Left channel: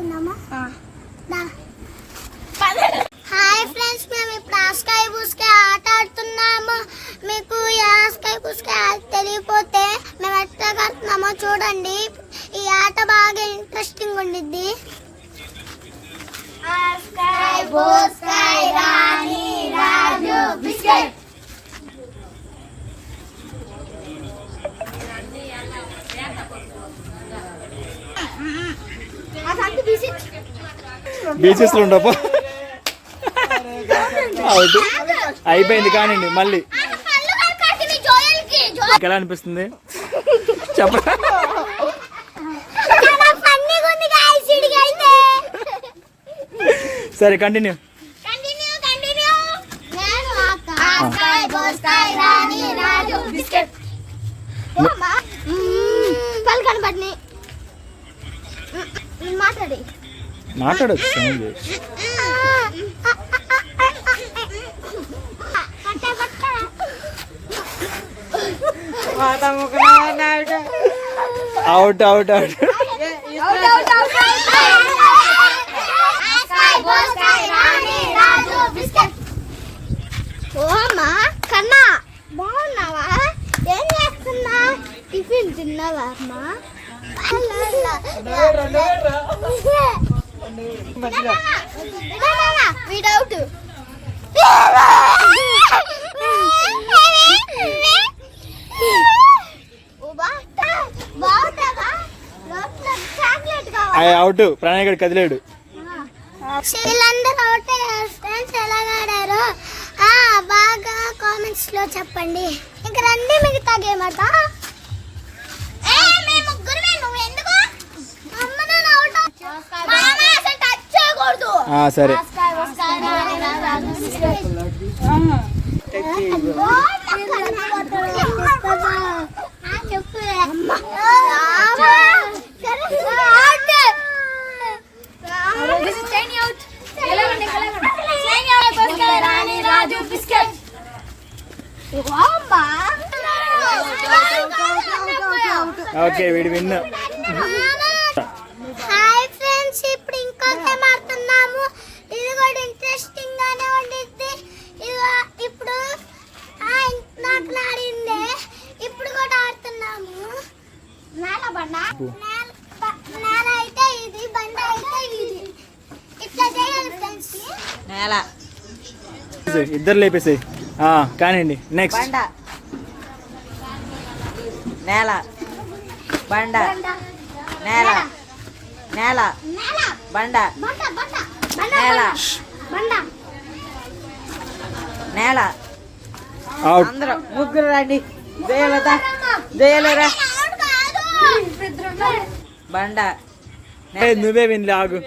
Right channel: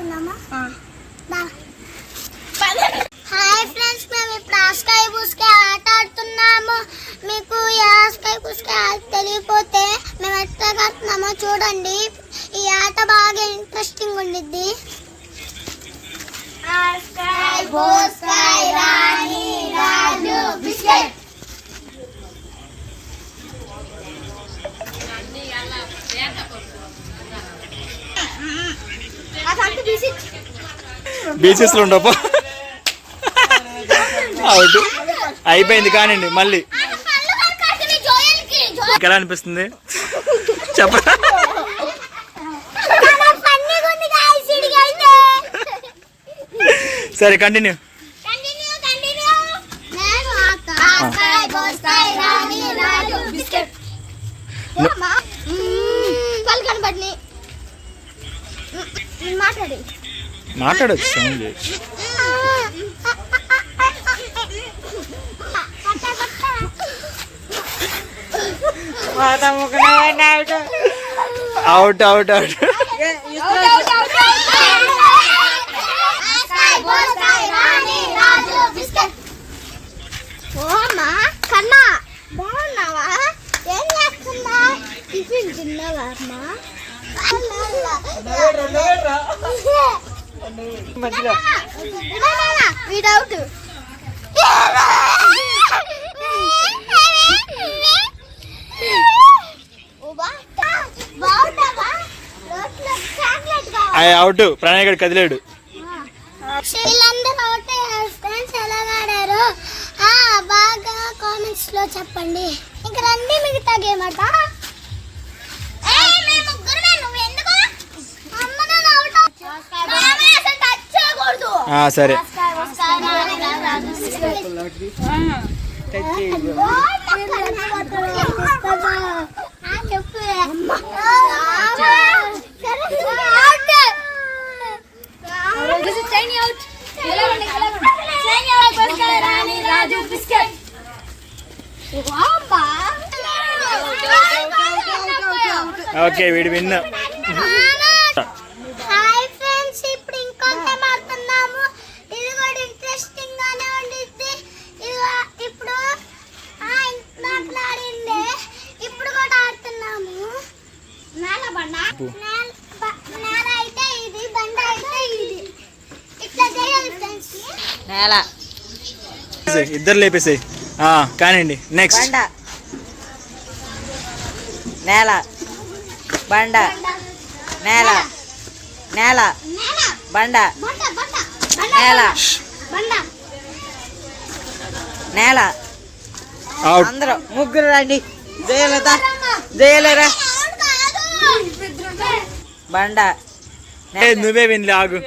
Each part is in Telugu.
ఆడుకుందామా? హాయ్ ఫ్రెండ్స్, మేము ఇప్పుడు ఆస్కాయ పూసుకాయ ఆట ఆడుతున్నాము. మీకు ఈ ఆస్కాయ పూసుకాయ తెలియపోతే మేము ఎట్లా ఆడుతున్నామో చూడండి. ఈ ఆట బాగా ఇంట్రెస్టింగ్ ఉండిద్ది. ఆస్కాయ పూసుకాయ రాణి రాజు బిస్కెట్. బీచెస్ లో ఉండపో అవుట్ అయిపోయింది. కానివ్వండి మళ్ళీ ఎలా అనిపిస్తుంది చెప్పరా? సరే కంటిన్యూ. మాట్లాడచ్చు సౌండ్ చేసి. Out out out. కన్నా బాగున్నావా? ఏం చేస్తున్నా? టిఫిన్ తిన్నావా అమ్మా? Without out. ప్రణయ్ గడు కదిలేడు. వీళ్ళందరూ అవుట్ అయ్యారు ఫ్రెండ్స్. ఎలాగ ఆడారు బాగా కామెంట్స్ లో చెప్పండి. ఇంక రండి మిగతా గేమ్ ఆట. సరే ఓకే వీడి విన్. హాయ్ ఫ్రెండ్స్, ఇప్పుడు ఇంకో గేమ్ ఆడుతున్నాము. ఇది కూడా ఇంట్రెస్టింగ్ గానే ఉండిద్ది. ఇప్పుడు నాకు ఆడిందే ఇప్పుడు కూడా ఆడుతున్నాము. నేల బండ, నేల అయితే ఇది, బండ అయితే ఇది. ఇట్లా చేయాలి ఫ్రెండ్స్. నేల ఇద్దరు లేపేసాయి. కానివ్వండి నెక్స్ట్. నేల బండ నేల నేల బండ నేల నేల. అందరూ ముగ్గురు రండి. జయలత జయలేరా బండ. నువ్వే వినలే ఆగు.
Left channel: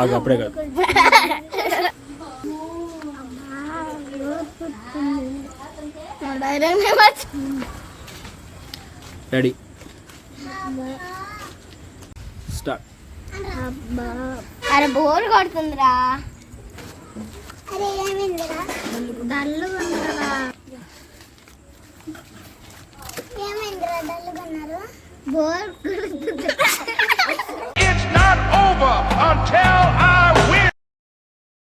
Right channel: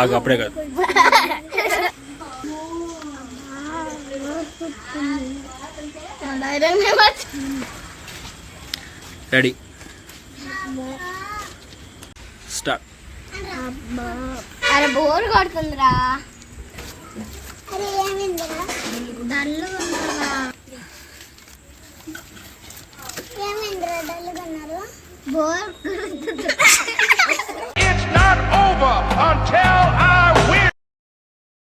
ఆగు అప్పుడే కాదు. Ready start. అరే బోర్ కొడుతుందిరా. అరే ఏమైందిరా? డల్లుగా ఉన్నారా? ఏమైందిరా డల్లుగా ఉన్నారు? బోర్